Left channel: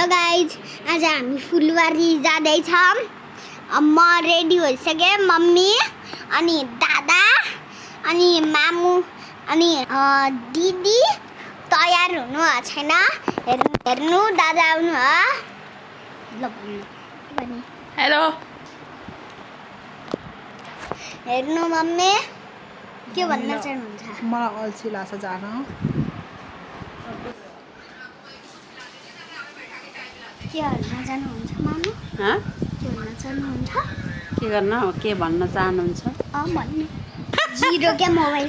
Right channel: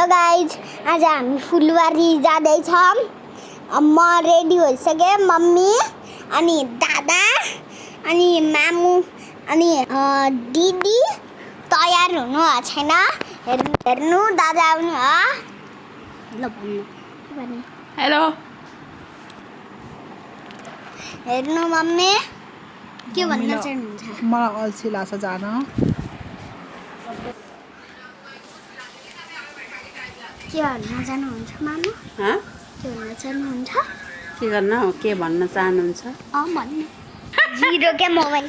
Hello guys, आज हामी फुलबारी जाँदैछौँ। म रेडी भइसकेँ। मम्मी अनि दादा अनि मामु अनि दिदी तयार हुनु छैन। हेर्नु दादा आउनु हो। ल भन्नु हेलो। हेर्नु मम्मी के भन्न चाहनुहुन्छ? मलाई अल्छी लाग्छ जान। के भन्न चाहनुहुन्छ मामु? के भन्न चाहनुहुन्छ? के गर्न हो? के भन्न चाहनुहुन्छ? भन्नु। जिरो क्या मोबाइल।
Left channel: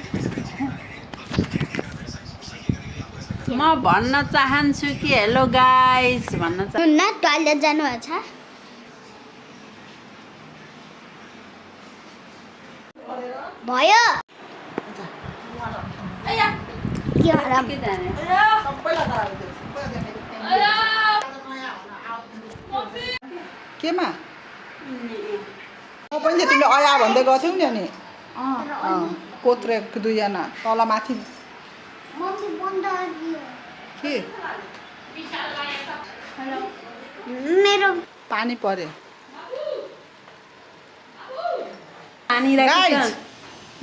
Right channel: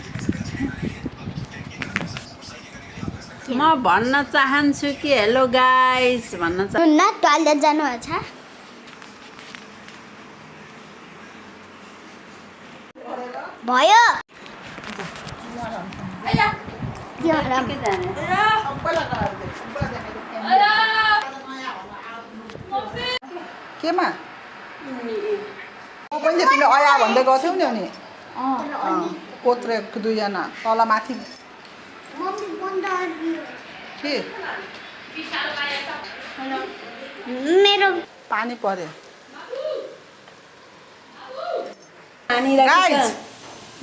म भन्न चाहन्छु कि हेलो गाइस भन्न न टोयलेट जानुहुन्छ? भयो केमा पहिले तिमीले अया भन्दै गर्थ्यौ नि अनि कोत्रे दुईजना तल माथि के मेरो पानी पर्यो।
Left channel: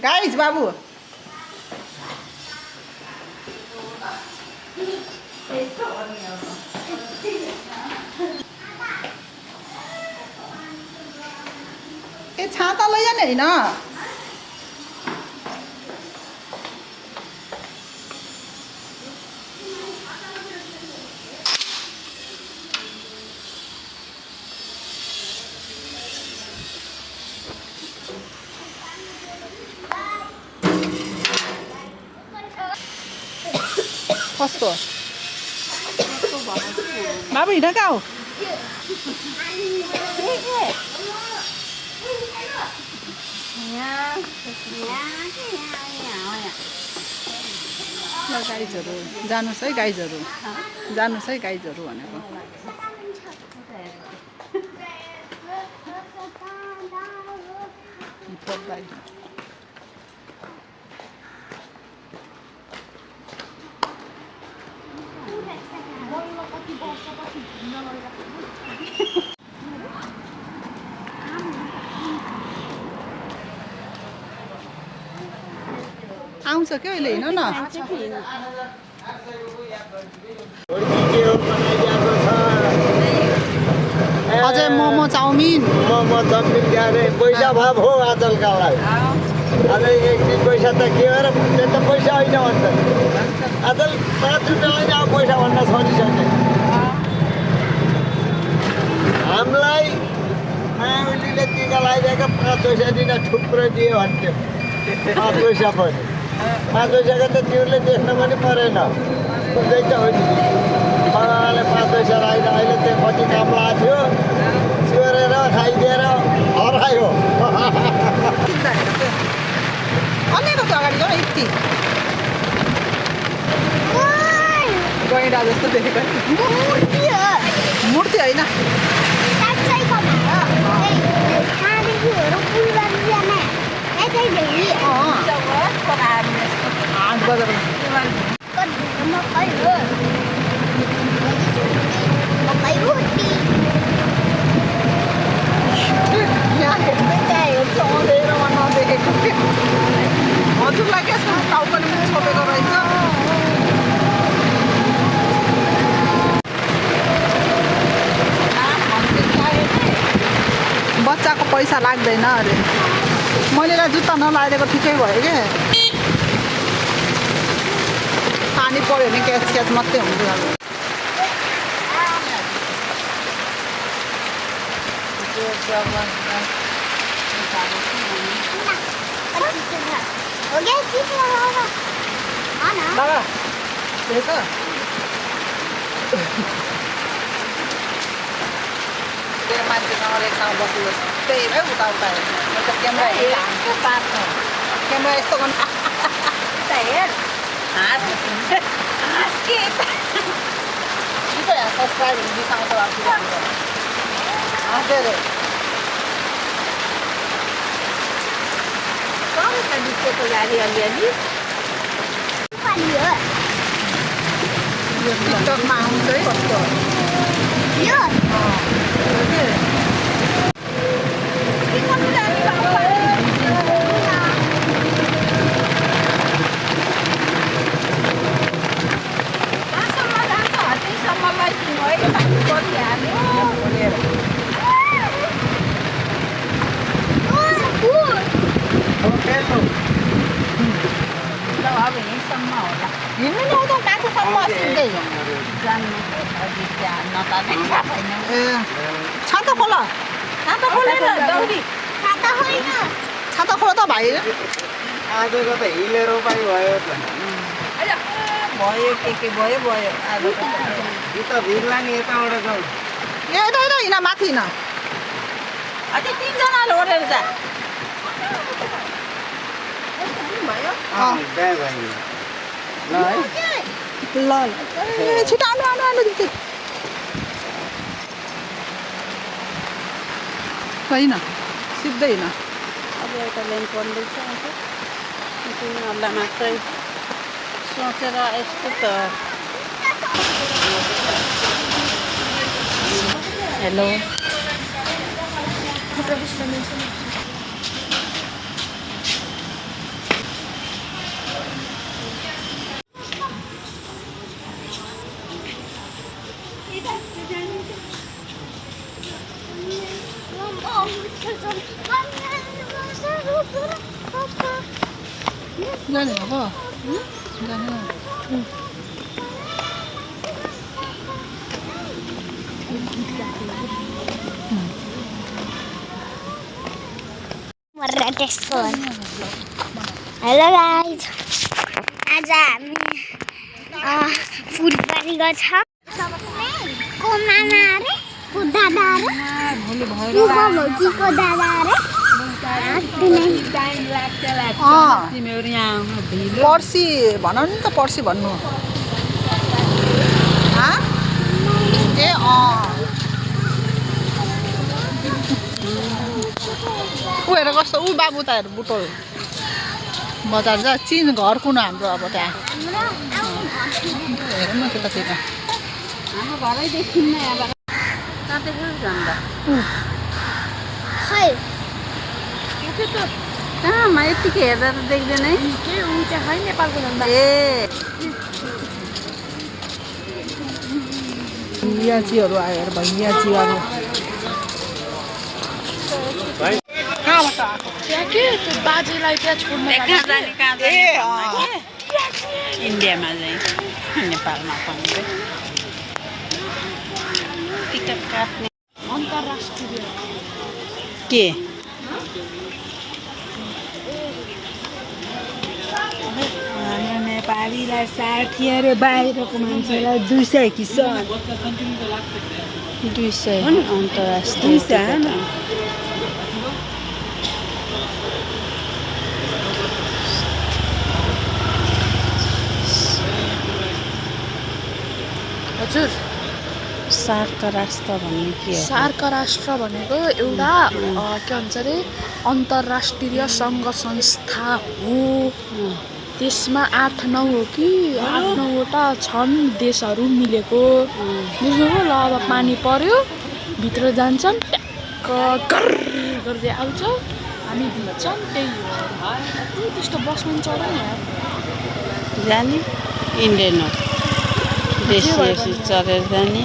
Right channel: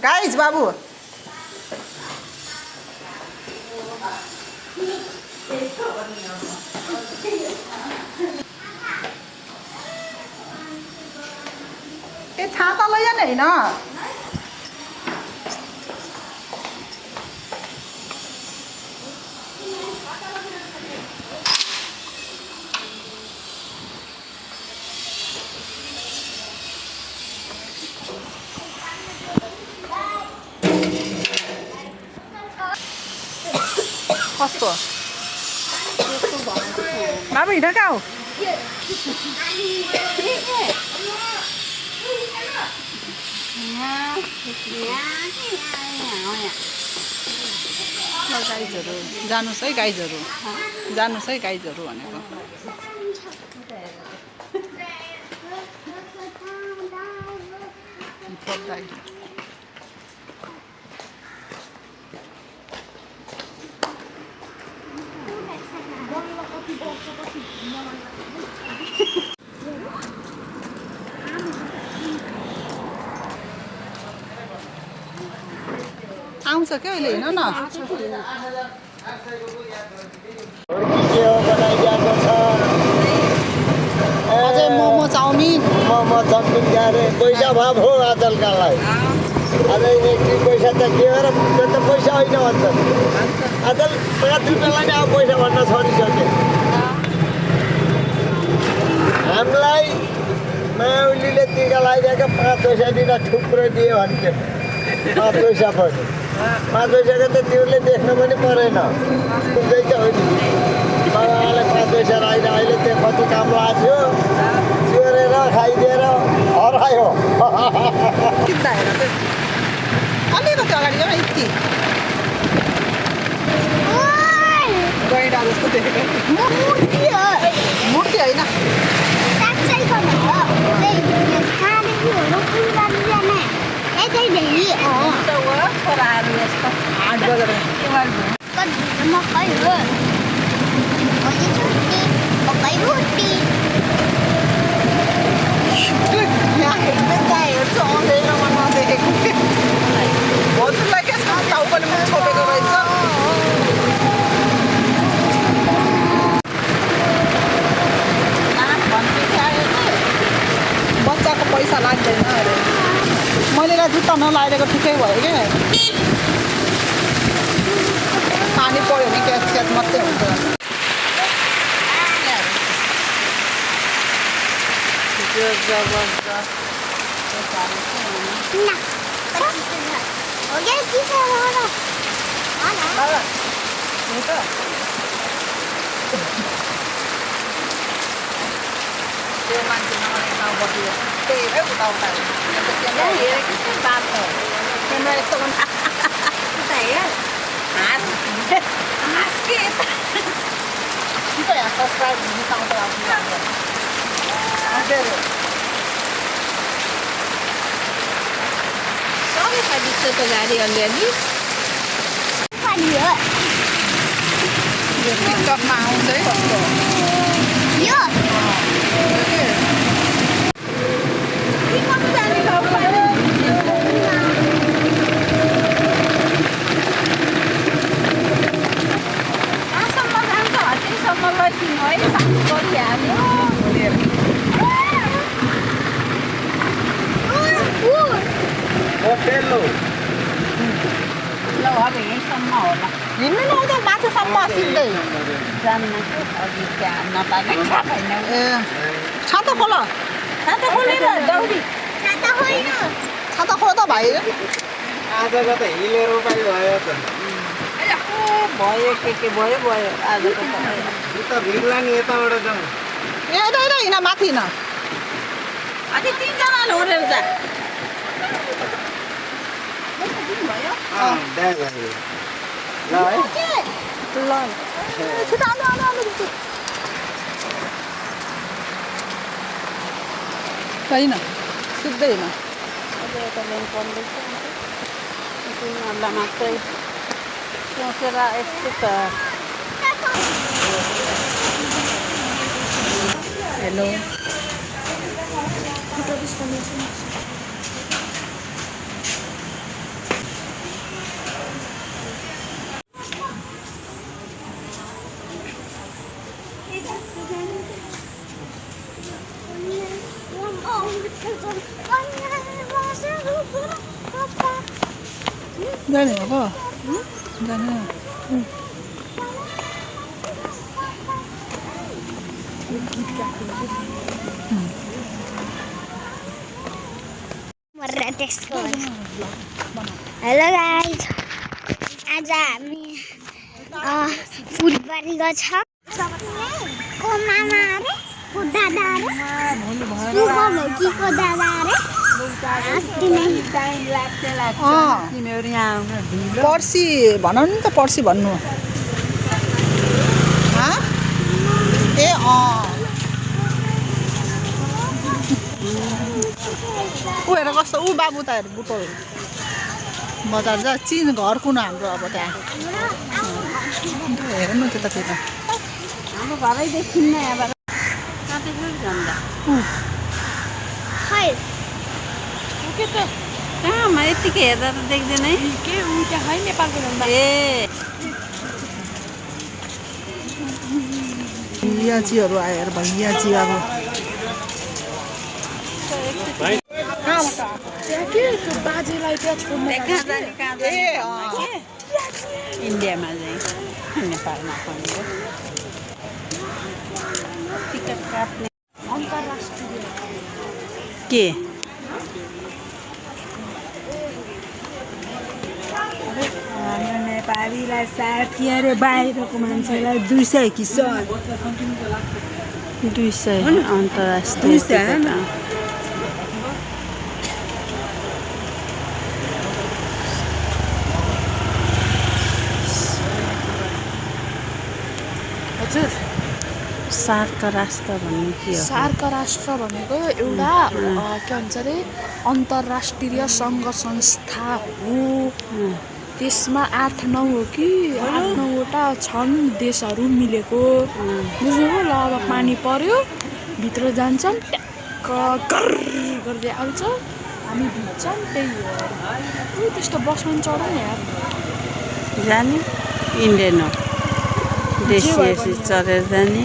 गाइस बाबु ए छाता लैजा नि होइन। कस्तो बाबु हिँड कहाँ हो? गाइजहरू जानुहोस् है, गाइजहरू जानुहोस् है, गाइजहरू भनेको। आउँछ क्या अहिले हेर्नु न। अझै मोमो चाउमिन क्यारे पैसा भाव हो आजकलकालाई। अझै यति पैसा त के हो र? त्यो त पैसा होइन भन्छ। आजकल 5 रुपियाँलाई नै अब पैसा भन्न छोडिसके। हामीलाई मायावलीले टिका लगाइदिएको 5 पैसा दिन थुप्रो दियो भन्थ्यो। 5 पैसा पनि 5 पैसाको त तिमीले देख्न पनि परेन। बुझ्दैछ हो नि? बाबाले 5 पैसा लगाएर अहिले त्यो कति काम लाग्थ्यो। चोरेर खाइदिएर हरायो। किन्दा हेर त्यो अलिकति अगाडि जाऊ यति गैँडा जस्तो देखेको मूर्ति हो। मूर्ति होइन। फुलबारी जाने यतै धेरै 8 बजेर मकै हो। मकै रोटी यहाँ हेर्दै त्यहाँ हेर्छु अँधेरो म नदेखेको के हजुरलाई के छ टाउकोले मुख छोपेको रहेछ। बच्चाको पैसा लाग्दैन अरे। मैले जुत्ता नलाइदिएको ठिकै भयो कि पानी पऱ्यो भने क्याच क्याच मात्रै हुन्छ। हो गया चिसो हो। बाबा हेर त त्यो मान्छे नरेसँग बसेको त्यही हेऱ्यो उताउता क्यामेरा हेरेको बाटो क्यामेरा यस्तो उता हेर हाँस के यहाँ सब्सक्राइब दिखाउँछ सबैका बिचको गाडी अलिअलि टिकटकमा आउँछ है कस्तो हिँड्नु नि आउँदैन माथिसम्म सिक्दै ए छाता खोल छाता खोलेर दौडी छाता होइन छाता खोल त भाइ आजको त हिलेर उपाय भयो त भयो के भयो भयो आजको त उता भिड्ला नि यताबाट जाउँ ए यता हिँड माथि हिँड अझै 3 जना ओरेर जा बिहा भयो ल है ल ए छिटो आउनु होइन सिधै हिँड अब एउटा लाइन पर्दैछ उनीहरूलाई मात्रै सोचेर यस्तो त हेलो जाने हो जाने हेलो गाइस आज हामी फुलबारी गएको छ को मामा अरे को दादा अरे को दादा अरे पर्सि भन नि त पर्सि भन्नु ए ऊ हेर कस्तो ऊ बाबु त हेर बुटोल बजार जा चिन घर कुन हाम्रो अब त्यहाँ हेर न त्यतातिर हाम्रो घरैदेखि नै अब कहाँ देख्यो झन्डा खै के त कहाँमा यतिकै हेर्दा त देख्दैन है के उ त्यहाँ खै नेपालको झन्डा ए भैयाजीहरू आयो हेर भैयाजीहरू कहाँबाट आएको त्यहाँ के त्यो बाजेलाई त्यहाँ छोड्नु कहाँ जाने इन्डियामा चाहिँ नेपालमा पनि टिकट काट्ने अन्तर्राष्ट्रिय के हाम्रो नेपालीलाई 60 अरे बाहिरको मान्छेलाई 200 कि 200 अन्तर्राष्ट्रिय 200 हजुर सार्क राष्ट्र भन्ने के हो सार्क राष्ट्र भनेको एउटा के भन्छ अरे अन्तर्राष्ट्रिय सङ्घ संस्था हो त्यसमा 8-9 हो कि 8-9वटा छन् देशहरू मिलेको बुझ्नुभयो ल अब पानी पर्यो भित्र जान्छन् ट्याक्क गर्दै आउँछ हामी भिज्छौँ त्यही हो त्यस्तो बसमा पनि चढाउँ यार जाने इन्डियन हो देशी चढेर जाने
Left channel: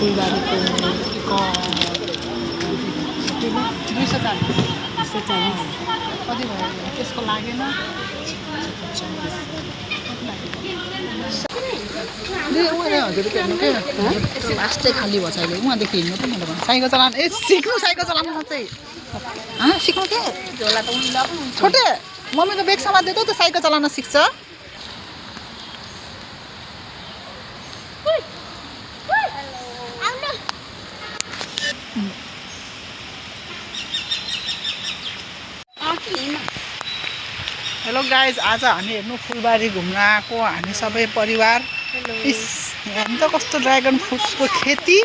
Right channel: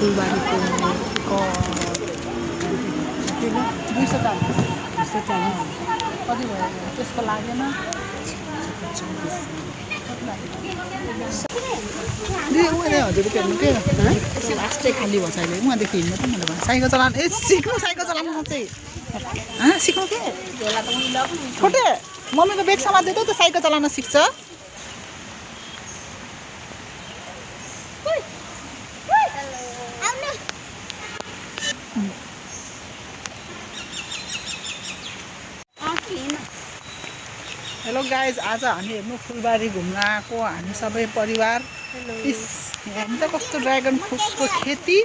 फुलबारीको 240 कति भयो त्यसको लागेन हजुरले हेर्नु के लास्टै खाली भयो अहिले उहाँदेखि हिँड्नु त मैले भने साइकल चलाउनु सिक्नु साइकल चलाउनु चाहिँ सिक्नु के छोटे मम्मीको बेग समात्दै त साइकल चलाउन सिक्छ हेलो गाइज आज हामी हेर्नु फुलबारी घुम्न आएको हामी सबै परिवार इस हेर्नु त कस्तो ड्रागन फ्रुट्सको खेती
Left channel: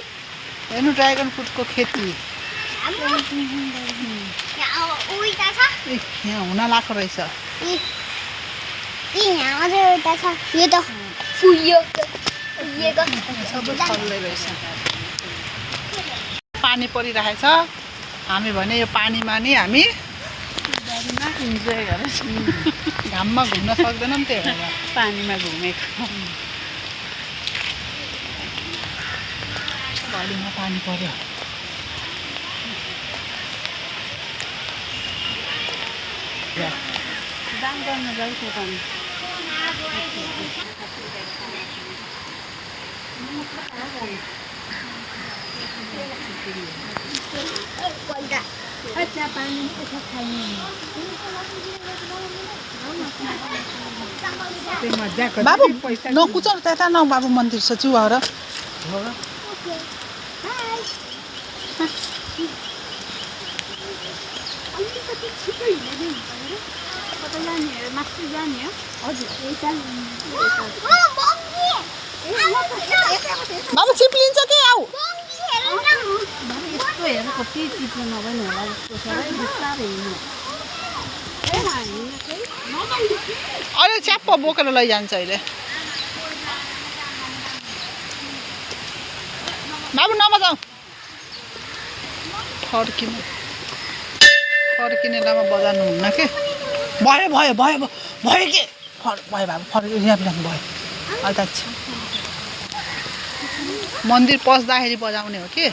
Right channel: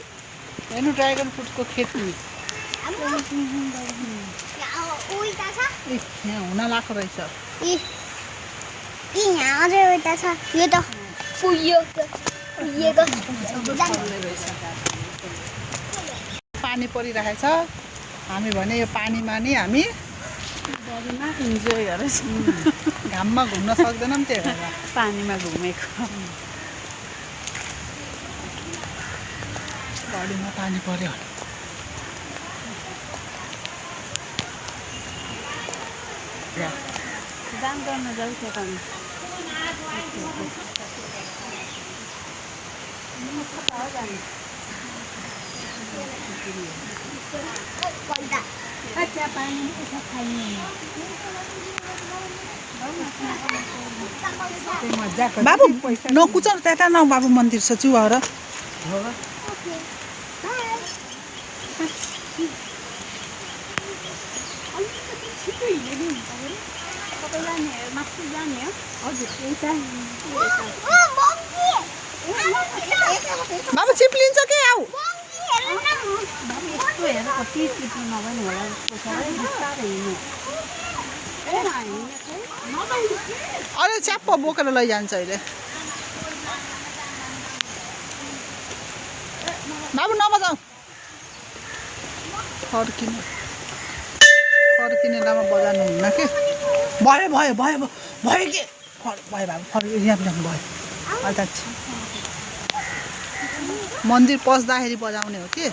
हेर्नु ड्रागन फ्रुटको खेती यहाँ उल्टा छ ए, यहाँ हुन लाग्दो रहेछ यहाँ अझै उल्टा छ यो त फुलिएको चल्दै रहेछ पानी परिरहेछ हामी भने यो पानीमा नि हामी इन्जोय गरेछ घाममा घुम्न सक्दैनौँ त्यही भएर पानीमा घुमेको घडीमा पानी पर्यो दाम गर्न जाउँ त्यो पानी बाबु नकुच त्यता न बाबु मन्दिर छ चुहाएर बाबु चिप्लिन्छ के आऊ अहिले च्याप्प बोकेर लैजान्छ अहिले बाबु नबजाऊ फर्किने बेलामा बजाउनु हुन्न के भयो भयो भयो भयो के भयो बाबु फर्कियो यहाँ भयो अहिले त मन्दिर पस्दाखेरि बजाउने हो कि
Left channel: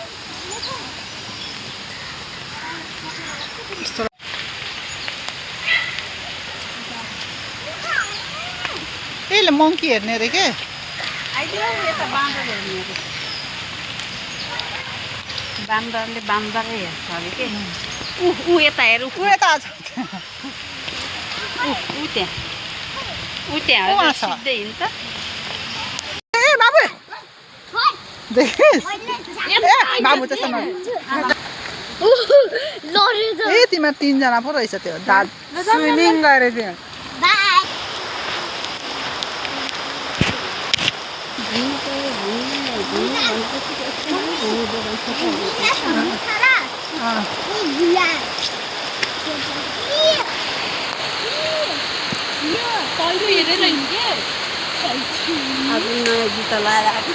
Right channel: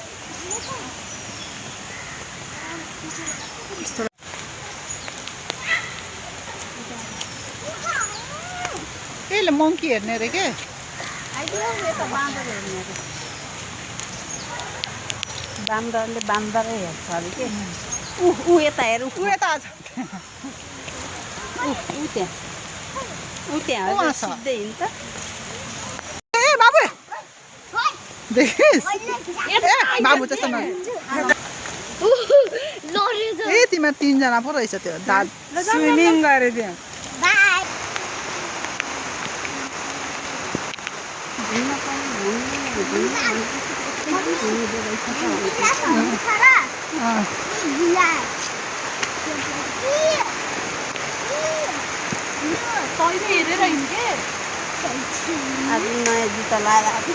यसले मङ्की हेर्ने अरे के बान्दरले बान्दरै हेर्छ अरे के ऊ यता हेर ऊ यता त्यहाँ उहाँ छ। सिधै हिँड्छ ए बाबु देखिस् ए बाबु त्यसो न ए तिमीहरू तिनजना पो रहेछ त्यो दाद स्विमिङ गरे त्यहाँ बाई कहिले हेरेर हिँड्के आज नयाँ जुत्ता लगाएर आएको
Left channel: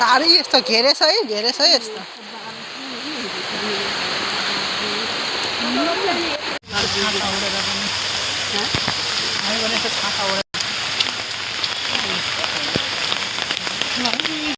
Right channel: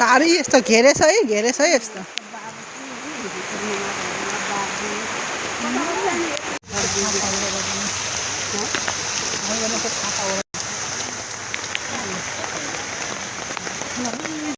गाडी यस्तो घेरेछ है यस्तो